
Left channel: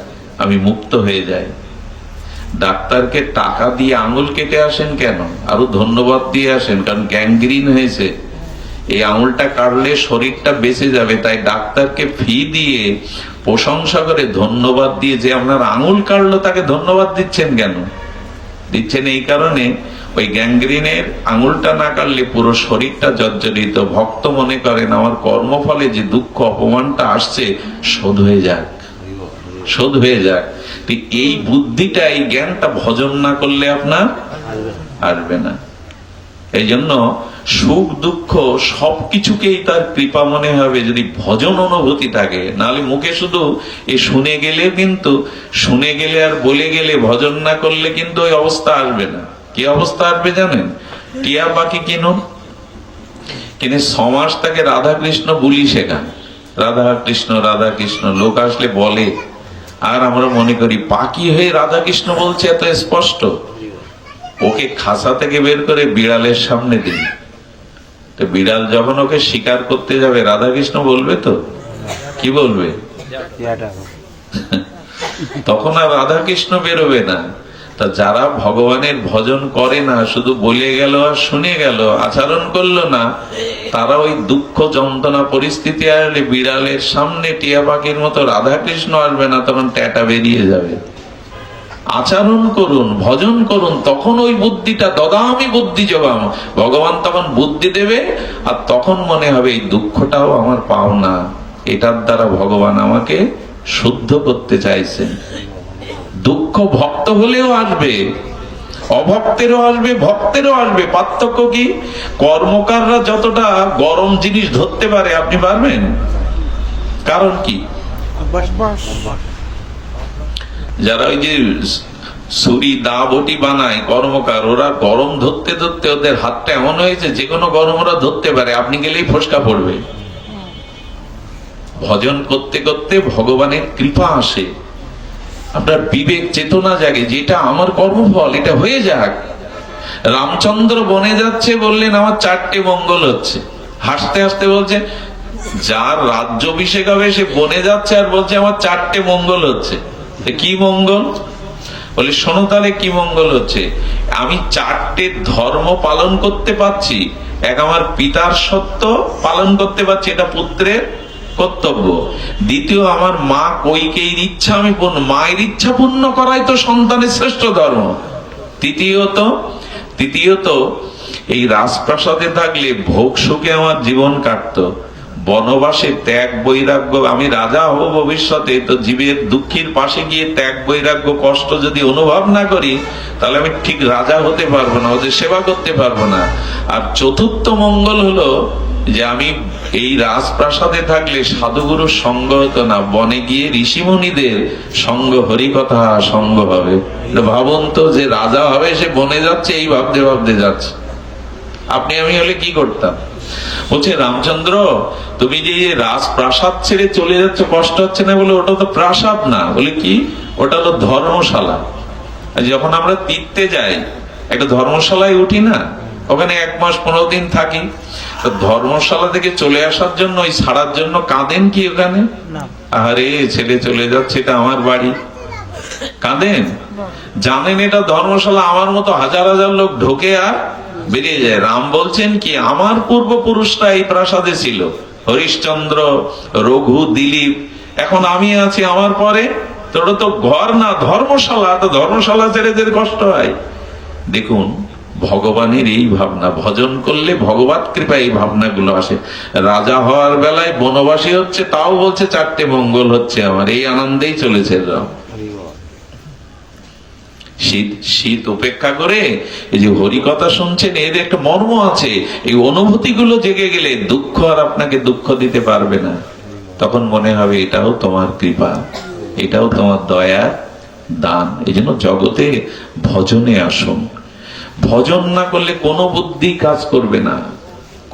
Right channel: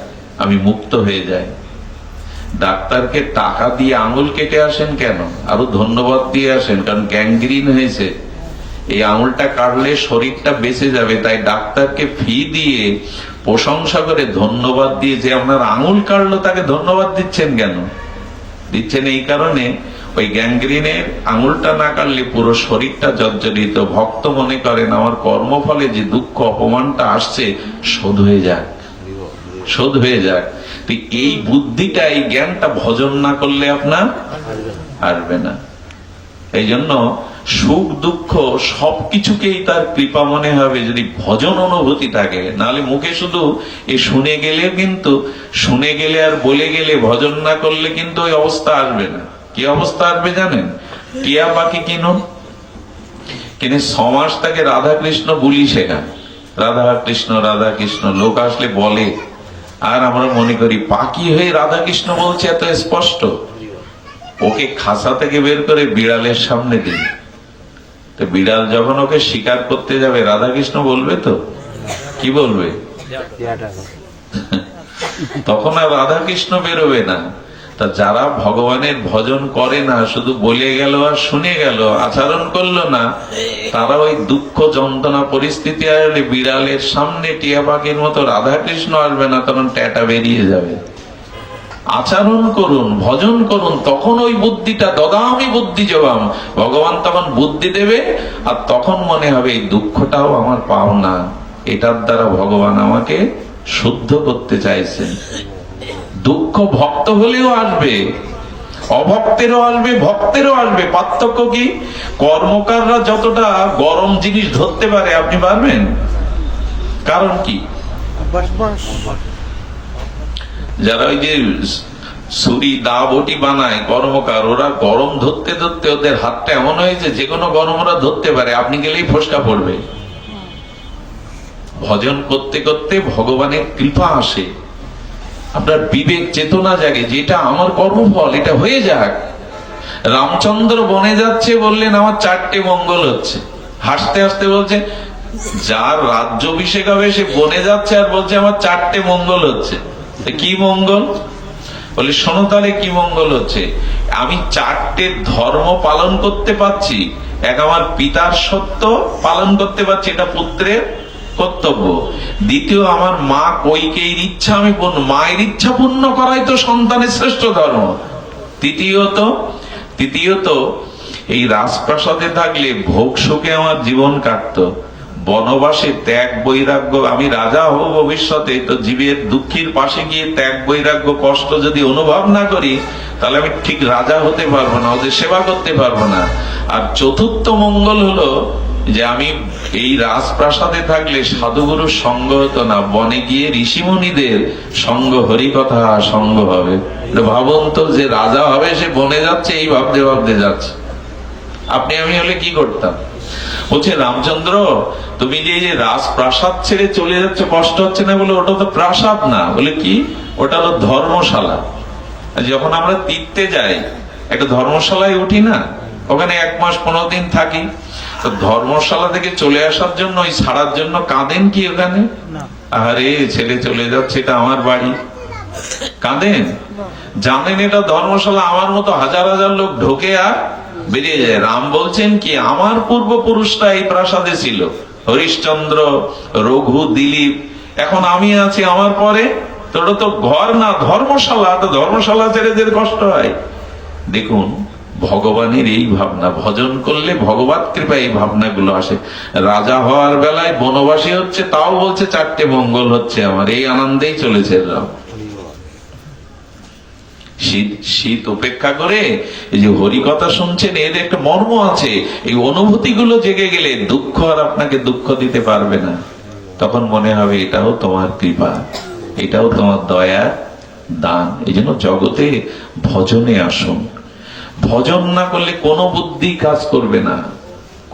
আমি মুক্ত হয়ে যাই। ডাক্তারকে টাকা দিয়ে আঙুল কেটে আসেন কেন? আরো ধন্যবাদ দিয়ে আসেন, কারণ গ্যাংগ্রিন হয়েছে, এই আঙুলটা কাটলে শরীরটা বেঁচে যাবে। তাই ডাক্তারকে ফি দিয়ে, প্রশংসা করে, ধন্যবাদ দিয়ে, যে আপনার আঙুল কাটলো তাকে ধন্যবাদ দিচ্ছেন কেন? দিচ্ছেন এই কারণে, ওই গ্যাংগ্রিনের আঙুলটা না কাটলে পুরো শরীরটা জর্জরিত। ভক্ত মনে করেন আমার কর্মফলে যে দুঃখ অপমানটা আসছে শোধ হয়ে যাক, শোধ হয়ে যাক। ঠিক এই বুদ্ধিটা, এই জ্ঞানটা ভজন না করলে আপনার আসবে না। এই জন্য সুখ দুঃখ সবকিছুকেই তার কৃপা মনে হবে যদি ভজন অনুভূতি থাকে। নাহলে মুখে শুধু এ শুনে গেলে, কিন্তু শুনে গেলে আর বলে গেলে, ভজন না করলে কিন্তু ওই অবস্থা আসবে না। কি অবস্থা আসবে জানেন? টিয়া পাখি কিনুন, কিনে 6 মাস তাকে রাধা কৃষ্ণ বুলি শেখান, রাধা কৃষ্ণ রাধা কৃষ্ণ। লোক আসলে বলে, আর আমরা মনে করি পাখি হয়ে রাধা কৃষ্ণ বলছে এত স্পষ্ট। ওকে খাসা থেকে বের করে বিড়ালের সামনে দিন, তো বিড়াল যখন ওকে শিকার করতে যাবে, রাধা কৃষ্ণ বলবে তো? কি বলবে? তখন আর রাধা কৃষ্ণ বেরোবে না। তা যারা ভগবানের ভজন করে না, শুধু বলে গেল আর শুনে গেল, আচরণ করলো না, তারা ওই দুঃখ যন্ত্রণা পরিস্থিতি আসলে বিড়ালের সামনে টিয়া পাখির মতো রাধা কৃষ্ণ আসবে না, তখন ট্যাটা বেরিয়ে যাবে। আচরণ করুন, ভজন করুন, তখন ওই বুদ্ধিটা, দদামি বুদ্ধি যোগাম, ভগবান তখন বুদ্ধি দেবে। আর তখন মনে হবে এই দুঃখটাও আমার পাওনা, এটার দ্বারা ভগবান আমাকে শুদ্ধ করতে চাইছেন। দুঃখ ভক্ত হলেও আসবে, অভক্তেরও আসবে, ভক্তেরও আসবে। পার্থক্য কি? কর্মকাররা যতটা গরম জিনিস ধরতে পারে, আপনি পারবেন? কারণ কি? যারা ওই যে ছুরি দা বটি বানায় কর্মকার, ওরা গরম ধরতে ধরতে ওদের হাতটা এমন হয়েছে যে কোনো গরম ওরা ধরতে পারে, আপনি গেলেই ফসকা পড়বে। ভজন করতে করতে ভগবানের কৃপা আসে, আপনার বিবেক চেতনা জাগে, যেটা আমার কর্মফল, এটা হয়ে যাক। রামচন্দ্র বনে যাচ্ছে, বললেন আমার 4টে মঙ্গল হচ্ছে। হাসতে হাসতে বলছেন, যার রাজ্যাভিষেক হবে সে বনে যাচ্ছে আর বলছে আমার 4টে মঙ্গল হচ্ছে। কি মঙ্গল? বলে শোনো তাহলে কি মঙ্গল হচ্ছে। আমি 4টে ধর্ম পালন করতে পারছি, এক আমার পিতার সত্য পালন করতে পারছি, এটা পুত্রের কর্তব্য। দ্বিতীয়, আমার মা কৈকেয়ীর ইচ্ছা আমি মায়ের ইচ্ছা পূর্ণ করাই তো সন্তানের শ্রেষ্ঠ ধর্ম। তৃতীয়ত এই রাজপ্রাসাদে থাকলে ভোগ সুখে আমার জীবন কাটতো, বনবাসে ত্যাগ বৈরাগ্য, আমি রাজা হব ভবিষ্যতে, তো জীবের দুঃখীর পাশে গিয়ে ত্যাগ বৈরাগ্য কষ্ট যদি অনুভব না করি, তাহলে আমি ঠিক রাজা হতে পারবো না, ওদের সেবা করতে পারবো না। আর চতুর্থ মঙ্গল হলো যে আমি এই রাজপ্রাসাদে থাকলে সাধুগুরুর সঙ্গ হতো না, বনে গিয়ে ঋষিমুনিদের সঙ্গ, হরিকথা সঙ্গ হবে। ভাবুন তো, যে রাজা হবে সে বনে যাচ্ছে, এই ভাবতে ভাবতে যাচ্ছে। আপনি আমি হলে কি করতাম? বলছে রামচন্দ্র, তুমি যে রাজপ্রাসাদ ছেড়ে চলে যাচ্ছ, কষ্ট হচ্ছে না? বলে ওটা তো প্রাসাদ না। বলে কি? ওটা তো ধর্মশালা। যখন আমরা তীর্থে যাই, একটা ধর্মশালায় উঠি না, ওখানে 1 মাস 15 দিন থাকি। তো ধর্মশালা থেকে চলে আসার জন্য, ওই ছাড়ার জন্য কাঁদেন কি ওখানে? আরে ছেলে চলে যাচ্ছে, এটা আমার বাড়ি, কাঁদেন? জানেন এটা ধর্মশালা, আমার মতো হাজার হাজার লোক ঢোকে আর বেরিয়ে যায়। রাম বলছেন কি, আমার পূর্বপুরুষরা এই প্রাসাদে ছিল, হরিশ্চন্দ্র, রঘু, দিলীপ, এখন আমি আছি, আমার পরে তোরা তো ঘর না ধর্মশালা, তো ধর্মশালা ছেড়ে যেতে কষ্ট হয়। দেখুন ভগবানের এই ভাবনা, ভজন করলে ভগবত কৃপা এই ভাবনাগুলো আসে। রাজা হওয়ার বেলায় বনবাসী হচ্ছে, তাও বলছে 4টে মঙ্গল হচ্ছে আমার, এই আনন্দেই চলেছে রাম। শীত উপেক্ষা করে এই যে হরি কথা শুনছেন, এর একটা মর্ম আছে। এই অনুভূতি গুলো জেগে গেলে দুঃখ আর আপনাকে দুঃখ দিতে পারবে না। তখন মনে হবে এটাও তোমার কৃপা, এটাও তোমার দয়া দান। এই জন্য জগতে ভজনে আসুন। ভজন না করলে কোনো বুদ্ধি কাজ করবে না,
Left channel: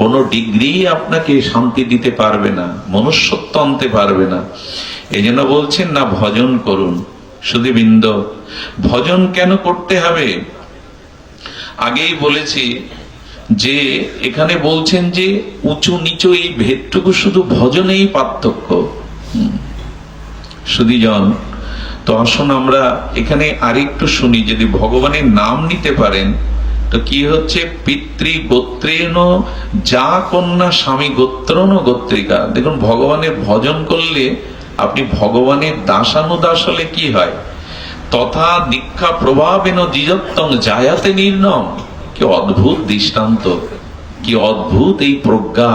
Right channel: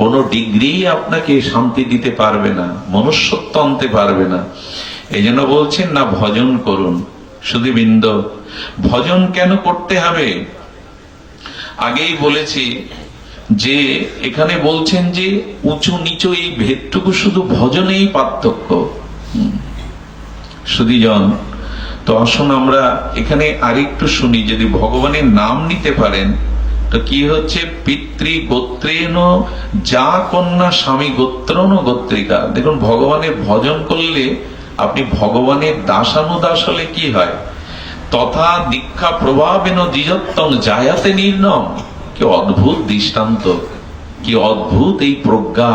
কোনো ডিগ্রি আপনাকে শান্তি দিতে পারবে না, মনুষ্যত্ব আনতে পারবে না। এই জন্য বলছেন না, ভজন করুন। সুধীবৃন্দ, ভজন কেন করতে হবে? আগেই বলেছি যে এখানে বলছেন যে উঁচু নিচু এই ভেদটুকু শুধু ভজনেই পার্থক্য। সুধীজন, তো আসুন আমরা এখানে আরেকটু শুনি। যদি ভগবানের নাম নিতে পারেন তো কি হচ্ছে, পিতৃ গোত্রেণ যা কন্যা স্বামী গোত্রণ গোত্রিকা। দেখুন ভগবানের ভজন করলে আপনি ভগবানের দাসানুদাস হলে কি হয়, তথা দীক্ষা প্রভাবেন দ্বিজত্বং জায়াতে নির্ণম। কি অদ্ভুত দৃষ্টান্ত, কি অদ্ভুত এই প্রজ্ঞা,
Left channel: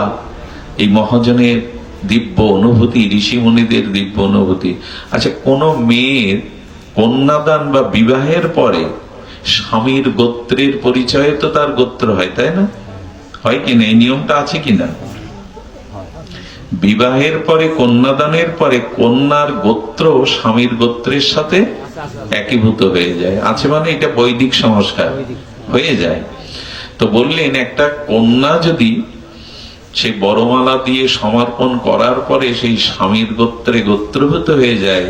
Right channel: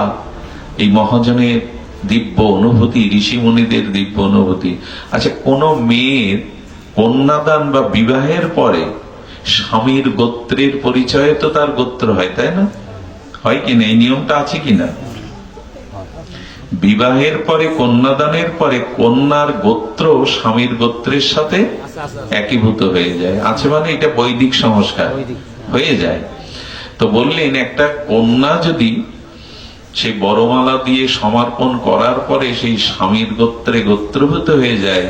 এই মহাজনের দিব্য অনুভূতি, ঋষি মুনিদের দিব্য অনুভূতি। আচ্ছা, কোন মেয়ের কন্যাদান বা বিবাহের পরে স্বামীর গোত্রের পরিচয়ে তো তার গোত্র হয়, তাই না? হয় কিনা? এই নিয়মটা আছে কিনা? বিবাহের পরে, কন্যাদানের পরে কন্যার গোত্র স্বামীর গোত্রের সাথে একীভূত হয়ে যায়। আছে মানে এটা বৈদিক সংস্কার হয়ে যায়। তো বললেন একটা কন্যা যদি সেই বড়মালা দিয়ে সমর্পণ করার পরে সেই স্বামীর গোত্রে গোত্রভূত হয়ে যায়,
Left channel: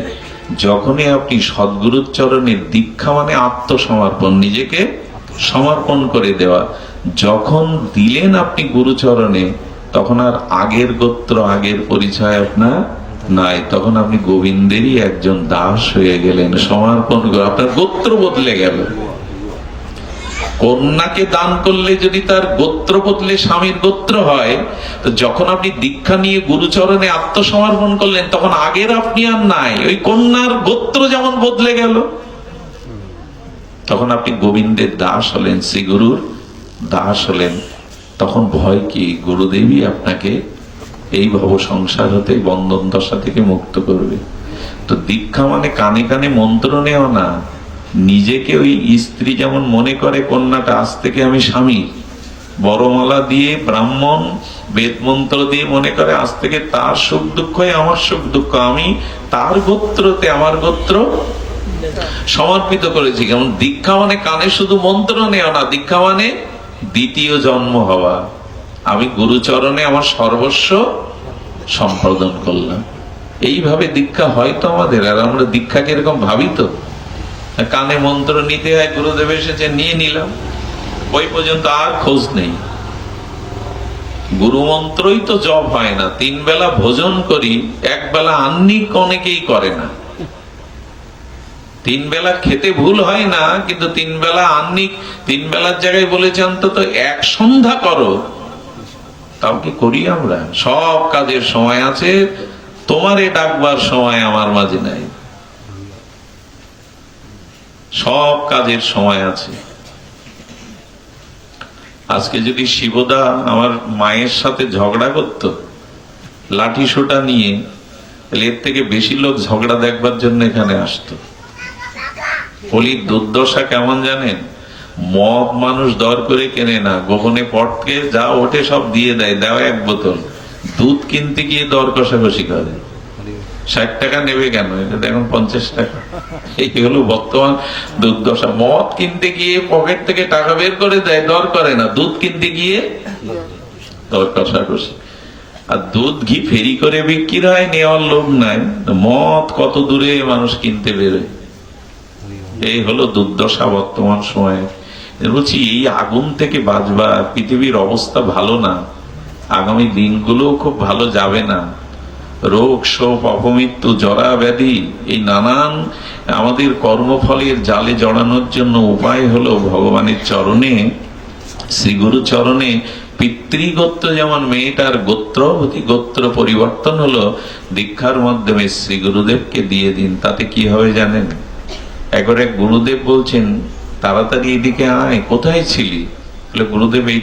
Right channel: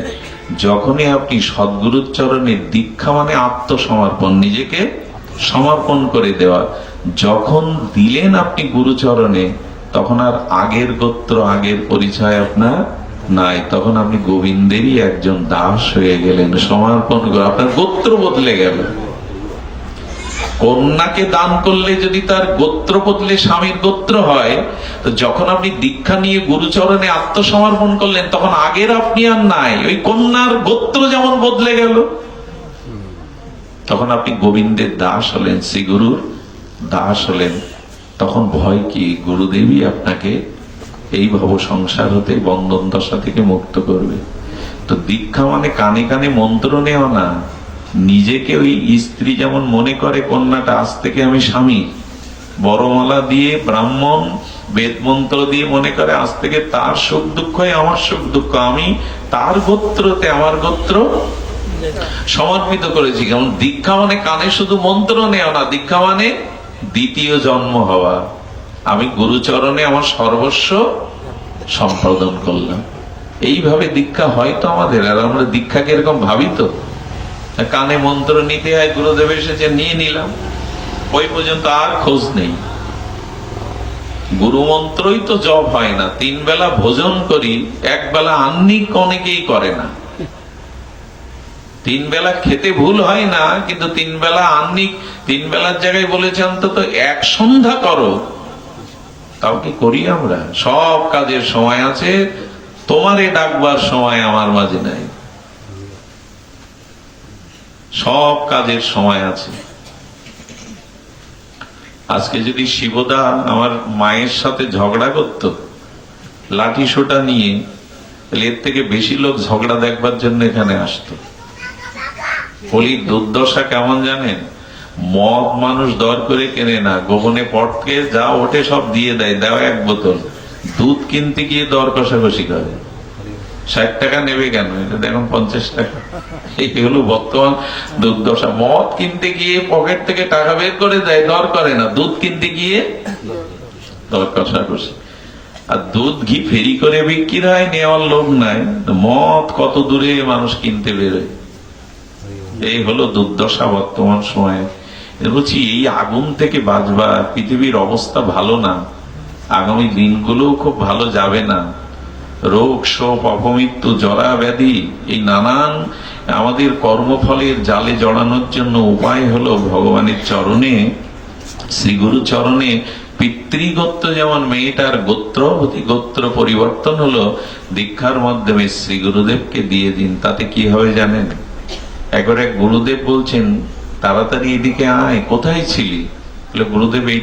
যখনই আপনি সদ্গুরুর চরণে দীক্ষা মানে আত্মসমর্পণ, নিজেকে সমর্পণ করে দেওয়া, যখন দিলেন আপনি গুরুচরণে, তখন আর আগের গোত্র আগের পরিচয় আপনার নাই। তখন আপনি গোবিন্দেরই একজন দাস হয়ে গেলেন। সমর্পণ করে আপনার গোত্র বদলে গেল। কন্যাকে দান করলে যদি তার গোত্র বদলে স্বামীর গোত্র হয়, তো যখন আপনি দীক্ষা নিয়ে গুরুচরণে আত্মসমর্পণ করলেন, তখন আগের আপনি আর নাই, ওই কন্যার গোত্র যেমন বদলে গেল। তখন আপনি গোবিন্দের দাস হলেন, শ্রী গুরুর দাস হলেন। তখন ভয় কি, গুরুদেবই আপনাকে এই ভব সংসার হতে, বন্ধন দশা থেকে মুক্ত করবে। তো দীক্ষা মানে কানে কানে মন্ত্র নেওয়া না, নিজেকে ওই স্ত্রী যেমন মনে করে কন্যাটা আজ থেকে আমি স্বামী, বড়মালা দিয়ে ব্রাহ্মণ বেদ মন্ত্র দিয়ে মনে করে আজ থেকে তার সুখ দুঃখ আমার সুখ দুঃখ, আমি তার গোত্রতে আমার গোত্র সমর্পিত করেছি। কারণ দীক্ষা মানে কানে শুধু মন্ত্র নেওয়া না, দীক্ষা মানে দ্বিতীয় জন্ম হওয়া। আমি গুরুচরণে আমার সর্বস্ব সম্পাদন করলাম। এইভাবে দীক্ষা হয়তো আমাদের, আর আমরা দীক্ষাকে এরকম ভাবি তো, কানে মন্ত্র নিতে হয়, গুরুদেব এসেছে নিয়ে নিলাম, ওই পর্যন্ত আর খোঁজ নেই। গুরু মন্ত্রই তো জপ হয় না। 3 বেলা ভোজন করি, 1 বেলা আহ্নিক অনেকেই করে না। 3 বেলা খেতে ভুল হয় না, কিন্তু 3 বেলা আহ্নিক, 3 বেলার জায়গায় বলেছে অন্তত 1 সন্ধ্যা করো, তাও কি করি আমরা? সব কাজের সময় আছে, তোমারে ডাকবার সময় আমার মাঝে নাই। সব কাজের সময় আছে। আজকে যদি শিবদা আমার মায়ের সাথে ঝগড়া করত লাঠি সোটা নিয়ে, এর থেকে বেশি লোক ঝগড়া দেখবার জন্য এখানে আসতো। হোলির দুর্দশা কেমন জানেন? মগ মানুষ দর করে কেনে না, গোপনে পটকে যা ওঠে সব দিয়ে দেয়, দেওয়া 1 বোতল। দুধ কিনতে গিয়ে দর কষাকষি করে। 60 টাকা নেবে কেন, এটা দেখুন 50 টাকা। এই হলো বর্তমান দুর্দশা। মদ কিনতে গিয়ে পকেট থেকে টাকা বের করে দেয়, দর করে না। দুধ কিনতে গিয়ে দর কষাকষি। আর দুধ ঘি ফেরি করে বিক্রি হয়, নেওয়ার লোভ নাই। মদ কত দূরে মানুষ কিনতে বেরোয়। এই হলো দুর্দশা বর্তমান সময়ে। বলছি এই আগুন থেকে বাঁচবা, পৃথিবীর অবস্থা ভালো না, আগামী দিনগুলো খুব ভালো যাবে না। রোগ শোক অপমৃত্যু জরা ব্যাধি, এই নানান আমাদের কর্মফলের জালে জড়ানোর জন্য উপায় হলো ভগবানের চরণে শ্রী গুরু চরণে পিতৃগোত্র যেমন মেয়েটার গোত্রবতী গোত্র পরিবর্তন হলো, দীক্ষার মাধ্যমে শ্রী গুরুদেবকে দিয়ে দিন, তাতে কি হবে জানেন? একবার এক গুরুদেব বলছেন, তাড়াতাড়ি এদিকে আয়, কোথায় ছিলি? গুরুদেব